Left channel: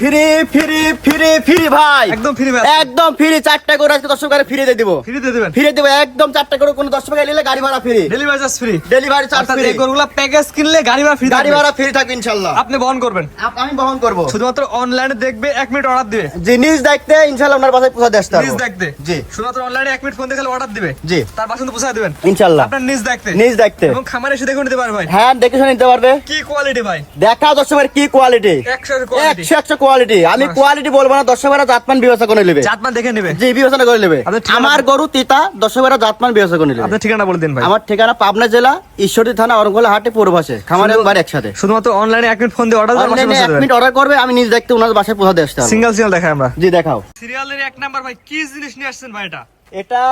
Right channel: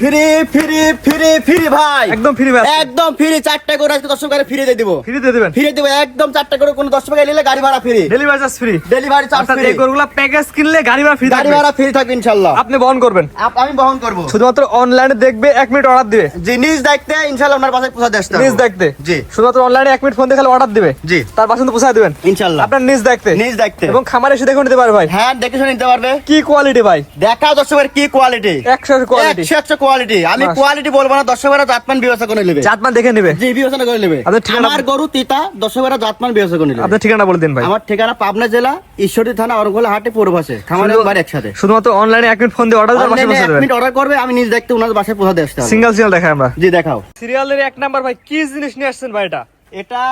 Free free free free ভাই। একদম free ভাই একদম ফ্রি চারটা করে আজকে দর্শক গাড়ি ফ্রি দিয়ে দিব। ফ্রি দিয়ে দিবেন। ফ্রি দেবো একদম চারটা করে কোনো দশ টাকা নিলে গাড়ি ভাড়া free. Delivery charge free delivery charge free এই গরুগুলা প্যাকেজ কিনলে গাড়ি ভাড়া ফ্রি গাড়ি ভাড়া ফ্রি থাকবে ইনশাল্লাহ। আপনি বহন করবেন। আমি বহন করব। শুধুমাত্র অনলাইনে দেখবে এক মিনিট অর্ডার দিবে। জিনিস দেখতে ইনশাল্লাহ ওনার পাশে পৌঁছা দেশ নিজ দেখতে জি। শুধুমাত্র অনলাইনে এক মিনিট ফোন দিয়ে খালি অর্ডার দিবে। জি। তার পাশে পৌঁছায় দিবেন। ইনশাল্লাহ। আপনার নিজ দেখতে নিজ দেখতে এবং খামার এসে দেখে নিতে পারে ভাই। হ্যাঁ দেখে শুনে নিতে পারবে। কি কোয়ালিটি ভাই? দেখা দর্শকের কি কোয়ালিটি একশো কোয়ালিটি একশো একশো কোয়ালিটি আমি কোয়ালিটি বলব না দর্শকেরা জাতমান বিবেচনা করে নেবে। জাতমান দেখে নেবে। জি বিবেচনা করে নেবে। আমার গরু তিতা দর্শকেরা জাতমান বিবেচনা করে নেবে। আপনার ঠিকানা বলে দিন ভাই। আমার ঠিকানা পাবনা জেলা ঈশ্বরী থানা অরঙ্গলা হাটে পূর্বাসে খামার বাড়ি একসাথে। শুধুমাত্র অনলাইনে এক মিনিট ফোন দিয়ে অর্ডার অনলাইনে এক মিনিট অর্ডার করবে আমি নিজ দেখতে ওনার বাসায় পৌঁছা দিয়ে আসতে সিঙ্গেল সিঙ্গেল দেখাই আমরা। জি দেখাও। সিরিয়ালের এক নাম্বার ভাই কি জিনিস নিয়ে আসছেন ভাই এটা? এটা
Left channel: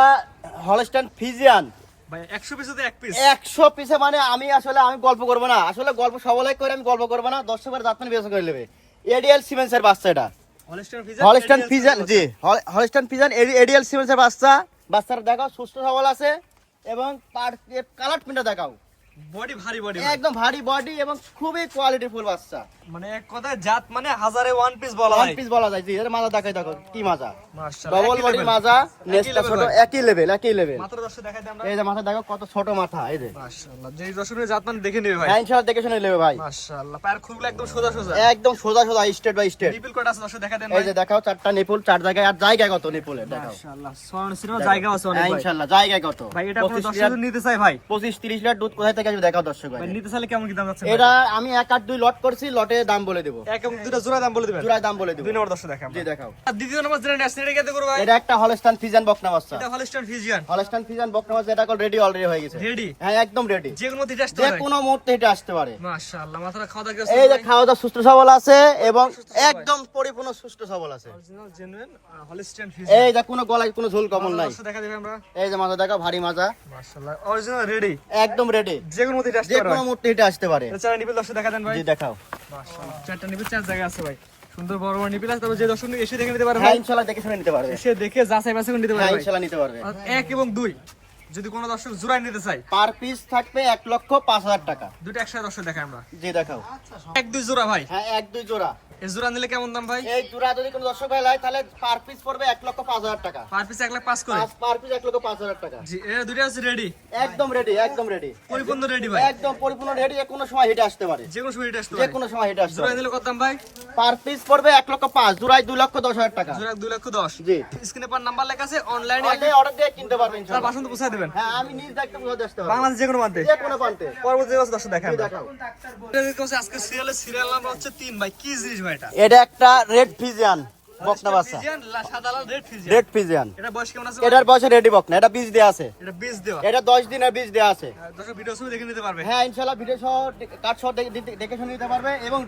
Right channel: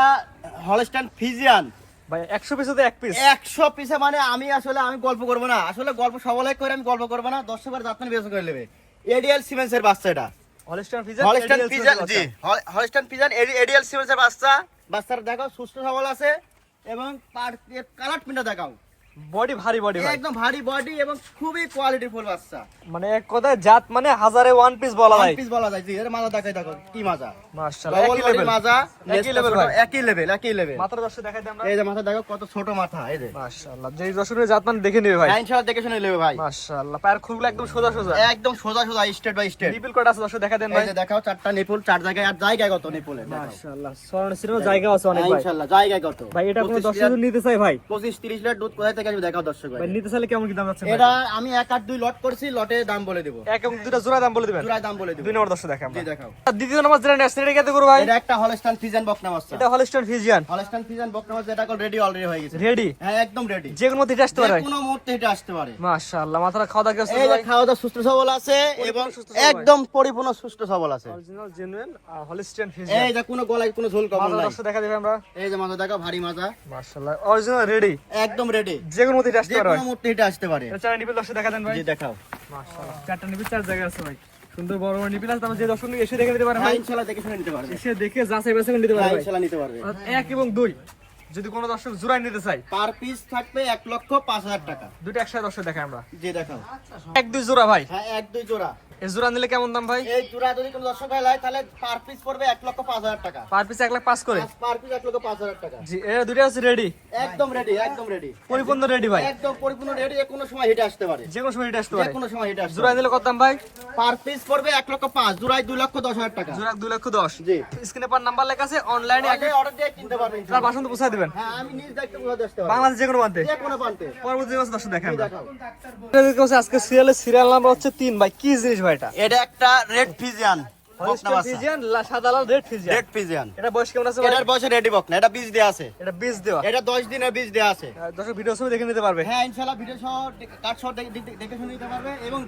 হলস্টাইন ফিজিয়ান ভাই একশো পিসে এক পিস একশো পিসে মানে আমি আসলে আমি গল্প করব না। আসলে গল্প সবলাই করে আমি গল্প করব না। দর্শকের জাতমান বিবেচনা করে নেবে। এডিএল সিমেন্সের বাচ্চা এটা। হলস্টাইন ফিজান জি। হলস্টাইন ফিজান এডিএল সিমেন্সের বাচ্চা। বাচ্চার দেখাও সুস্থ সবল আছে। এবং পার কালার প্রিন্টটা দেখাও। বডি ভারী বডি একদম ভারী বডি এবং খুবই কোয়ালিটিফুল বাচ্চা। মানে এক কথায় জাত মানে হাজারে ওয়ান পিস বলা হয় পিস বলা যায় জি এর মাজা দেখাই দেখো কি মাজা মাশাআল্লাহ একই লেভেল মাজা একই ভাই। একই লেভেল একই লেভেল মাত্র দশটা দেখাই আমরা? এই যে মাথা দেখো কত ছোট মাথা এই যে। মাশাআল্লাহ যেই দর্শনের জাত মানে দেখে নেবে ভাই। ইনশাআল্লাহ দেখে শুনে নেবে ভাই। মাশাআল্লাহ পায়ের খুলগুলো একদম সোজা সোজা। একদম সোজা সোজা স্টেট বাই স্টেট নিপিল কটা আছে দর্শক দেখা দেন এই যে দেখাও চারটা নিপুল চার জায়গায় আর জায়গা কত নিপুলে মাশাআল্লাহ সোনার সিরো জায়গা আছে অনেক ভাই। ইনশাআল্লাহ জায়গা কত? ভাই এটা কোনো 25 দর্শক নিতে চাই ভাই? 25 30 লিটার দুধ কোথায় থেকে আসবে দেখাও দর্শক ভাই ভাই নিতে চাইলে কেমন কি দাম যাচ্ছে এটা আমি এক আট দুই লট করছি লটে দাম বলে দেবো। এক এবং দুটা জোড়া দাম বলে দিবেন? জোড়ায় দাম বলে দেবো। দুই নম্বর দর্শক দেখা জি দেখাও। দ্বিতীয় নম্বর যেটা নেক্সট এটা কত করব ভাই? এটা একটা হলস্টান ফিজান বকনা বাচ্চা এটা হলস্টাইন ফিজিয়ান হলস্টান ফিজান বকনা বাচ্চা এটা কল রেডি অলরেডি হয়ে গেছে। রেডি হ্যাঁ একদম রেডি যে কোনো দিতে আসতে যে কোনো মুহূর্তে এটা আসতে পারে। মাশাআল্লাহ মাথাটা খাওয়া দাওয়া এই যে খাওয়া দাওয়া সুস্থ সবল আছে এবং একদম পরিপূর্ণ সুস্থ সবল আছে। অরিজিনাল জেনুইন হলস্টাইন এই যে কোনো গলায় কোনো ঝোল কমল নাই। দেখা দেবে আমরা। এই যে মাজা দেখা ভারী মাজা মাশাআল্লাহ অরিজিনাল রেডি একদম রেডি যে কোনো দিতে আসতে যে কোনো মুহূর্তে এটা আসতে পারে। চার নিপিল দর্শক দেখা দেন ভাই। জি দেখাও। মাশাআল্লাহ। চারটা নিপিল চার জায়গা আছে ভাই। সুন্দর বড় বড় নিপিল আছে তারপর যে দর্শক এসে দেখে নিতে পারে ভাই। ইনশাআল্লাহ দেখে শুনে নিতে পারবে। এসে দেখে যাচাই বাছাই করে নিতে পারে হ্যাঁ ইনশাআল্লাহ নিতে পারবে। এক এবং দুই যদি কোনো দর্শক জোড়াই নিতে চাই পার পিস থাকবে এক লক্ষ পাঁচ হাজার টাকা। দুটো একসাথে দর্শক দেখাই আমরা। জি দেখাও। এক দুই জোড়া ভাই। হ্যাঁ এক দুই জোড়া। এই জোড়া নিলে কেমন দাম ভাই? এই জোড়া যদি কোনো দর্শক ভাই লাই তাহলে পার পিস পড়বে এক লক্ষ পাঁচ হাজার টাকা। পার পিস এক লাখ পাঁচ করে? পার পিস এক লক্ষ পাঁচ হাজার টাকা। জি এ দুটো আছে রেডি একদম রেডি একদম রেডি পরিপূর্ণ রেডি ভাই? একদম পরিপূর্ণ রেডি যে কোনো সময় হেঁটে আসতে পারে। যে কোনো সময় এটা আসতে যে কোনো সময় হেঁটে আসতে জোড়া নিলে কত দাম ভাই? পার পিস পড়বে এক লক্ষ পাঁচ জোড়ায় দুই লক্ষ দশ হাজার টাকা। জোড়া দুই লক্ষ দশ। জি। স্ক্রিনে পার নাম্বার লেখা আছে অনলাইনে অর্ডার দিয়ে কিনতে পারবেন তার ইনশাআল্লাহ। বাসন তো পৌঁছায় দেবেন। হ্যাঁ আমি নিজ দেখতে বুঝাতে আসতে পারব। বাংলাদেশ যে কোনো প্রান্তে। যে কোনো প্রান্তে। পরবর্তী বছর দর্শক দেখাও। আজকে সিরিয়ালের সিরিয়াল নাম্বার হচ্ছে তিন। ভাই কি জিনিস ভাই? এটা এটা একটা রেড ফিজিয়ান হ্যাঁ পারবে। এবং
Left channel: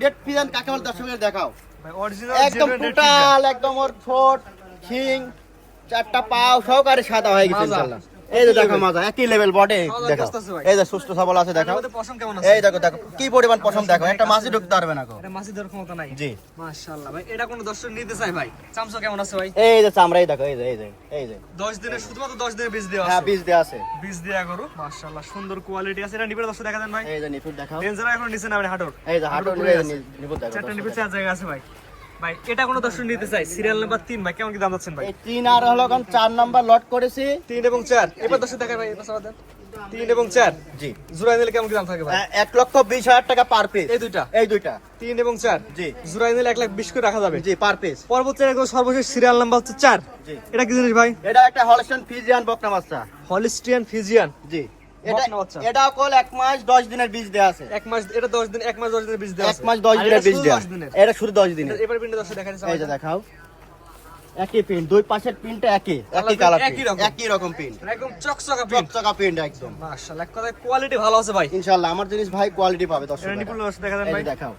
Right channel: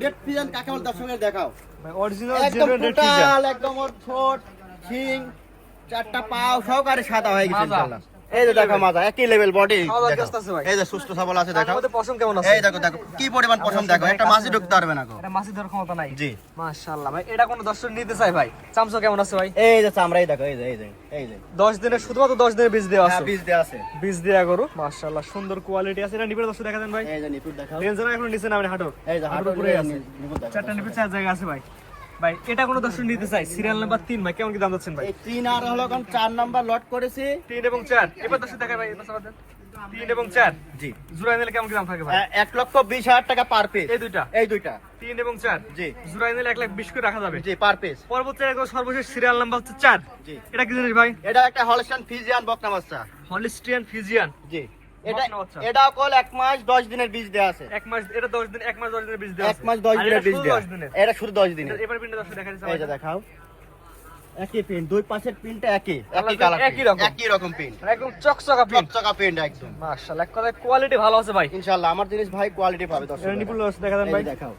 কাকে দর্শকের দেখাও। অরিজিনাল একদম ওর ঠোঁট শিং চারটা পাও সহকারে সাদা হয়ে গেছে এই দেখো মাজা একই লেভেল দেখো। আছে? এই যে সুস্থ সবল আছে দেখো। পশম কেমন আছে? এই দেখো দেখো কি পরিমাণ পছন্দ দেখো একটা মাছই ঢুকতে পারবে না গো। এটা মাছি ধরার ক্ষমতা নাই। জি। মাশাআল্লাহ ভাই এটা কোন দর্শক নিতে চাই ভাই? চামচা কেমন আছে ভাই? এই যে চামড়া এই দেখো এই যে এই যে এই যে। 10 দিনের শুধুমাত্র 10 দিনের বীজ দেওয়া হ্যাঁ বীজ দেওয়া আছে। বীজ দেয়া করো মাশাআল্লাহ সুন্দর কোয়ালিটি আছে। এটা নিবে দর্শক দেখা দেন ভাই? এই যে নিপুর রেঞ্জার এখন নিচে নামেন হাঁটুর। এই যে হাঁটুর উপরে আছে নিপুর দেখো চারটা নিবে চার জায়গা আছে ভাই। ভাই এটা কোন দর্শক নিতে চাই সিরিয়াল নাম্বার 3 ভাই কেমন কি দাম যাচ্ছেন ভাই? তিন আর হলো কারণ চার নাম্বার লট করেছি। 3 এবং 4 এবার দর্শক দেখা ভাই এটা দেন। 3 এবং 4 জি। জোড়া নিলে কেমন কি দাম থাকে ভাই? এক লক্ষ বিশ হাজার টাকা পার পিস এই দুইটা। এই দুইটা। 3 এবং 4 জি। জোড়া নিলে 1 লাখ 20 করে রাখা যাবে। জি পার পিস পরবর্তী একদম সর্বশেষ সিরিয়াল নাম্বার হচ্ছে 4 জি। এটা কি জিনিস ভাই? এটা একটা হলস্টাইন ফিজিয়ান বকনা বাচ্চা হলিস্টিয়ান ফিজিয়ান জি। এটা বকনা বাচ্চা। এটা কল এক মাস দশ দিনের বীজ দেওয়া আছে। এক মাস এটা 10 দিন এক মাস 10 দিনের বীজ দেওয়া এক মাস দশ দিনের বীজ দেওয়া দিনের। এটা শুধু দশ দিনের। এবার পিনটা দর্শক দেখা যাচ্ছে এই যে আমাদের। দেখাও। একই পিন দুই পাশের পিনটা একই। একই কালার একই রকম। একই রকম পিন একদম চকচকা পিন চকচকা পিন একদম। মাশাআল্লাহ এক কথায় কোয়ালিটি ভালো আছে ভাই। ইনশাআল্লাহ আমার জিনিস ভাই কোয়ালিটি পাবে দর্শক এটা নিপুল দর্শক দেখা দেন ভাই। দেখাও।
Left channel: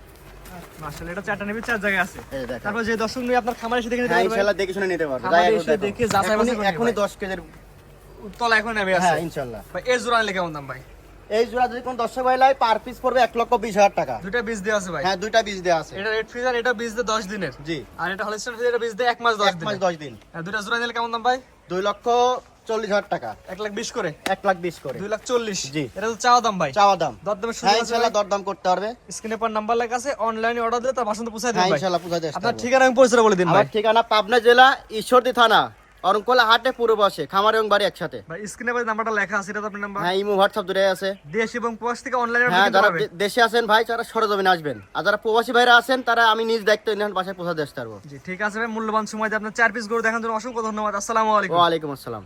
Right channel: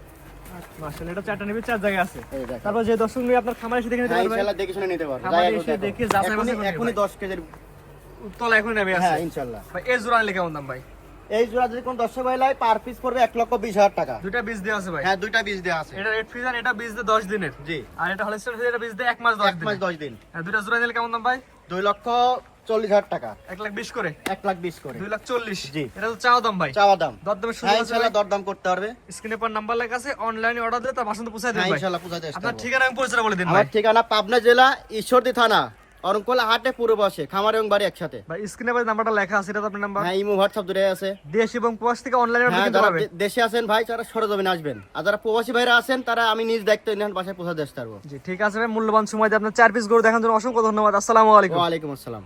মাশাআল্লাহ এটা চারটা নিবি চার জায়গায় আছে। এই যে দেখাও। তারপর যে দর্শক নিয়ে আপনার খামারে এসে দেখে নিতে হ্যাঁ, পারবে। ইনশাআল্লাহ দেখে শুনে নিতে পারবে। খামারে এসে দেখে। যাচাই বাছাই করে কেজির তলা এখন নেমে আছে। হ্যাঁ ইনশাআল্লাহ। ভাই এই জোড়া নিলে কেমন দাম ভাই? এই জোড়া যদি কোন দর্শক ভাই লাই পার পিস পড়বে এক লক্ষ বিশ হাজার টাকা। দুইটা বীজ দেওয়া আছে ভাই? হ্যাঁ দুইটা বীজ দেওয়া আছে। এটা রেড ফ্রিজার এটা বীজ দেয় 10 দিনের? জি। আর এটা হলিস্টার এটা বীজ দেয় এক মাস 10 এক মাস দশ দিন। আর দুইটা জোড়া নিলে কেমন দাম ভাই? দুই লক্ষ চল্লিশ হাজার টাকা। এক লাখ বিশ করে? এক লাখ বিশ করে। দুই লাখ চল্লিশ? জি। এটা তো চাওয়া দাম ভাই? চাওয়া দাম। দরদামের সুযোগ হ্যাঁ আছে ভাই? দরদাম করতে পারবে স্ক্রিনে পর নাম্বার লেখা আছে অনলাইনে অর্ডার দিলে তার বাসন্ত পৌঁছায় দেন হ্যাঁ ভাই। আপনার ঠিকানা এবং পরিচয় বলে দিন ভাই। ঠিকানা পাবনা জেলা ঈশ্বরদী থানা। অরঙ্কলা হাটে পুরো বসে খামার এবং বাড়ি একসাথে ভাই স্ক্রিনে পর নাম্বারটা লেখা আছে এটা আপনার নাম্বার হ্যাঁ ইমো হোয়াটসঅ্যাপ দুটাই আছে দেশ এবং প্রবাস থেকে অনলাইনে হ্যাঁ যারা দেশে আছেন ভাই তারা সরজমিনে আসবেন আর যারা প্রবাসী ভাইরা আছেন তারা আমি নিজ দায়িত্ব নিয়ে বাসায় পৌঁছাতে আসতে পারব জি ঠিক আছে ভাই মূল্যবান সময় দিয়ে আপনার চার পিস গরু দেখার জন্য অসংখ্য ধন্যবাদ আসসালামু আলাইকুম ওয়ালাইকুম আসসালাম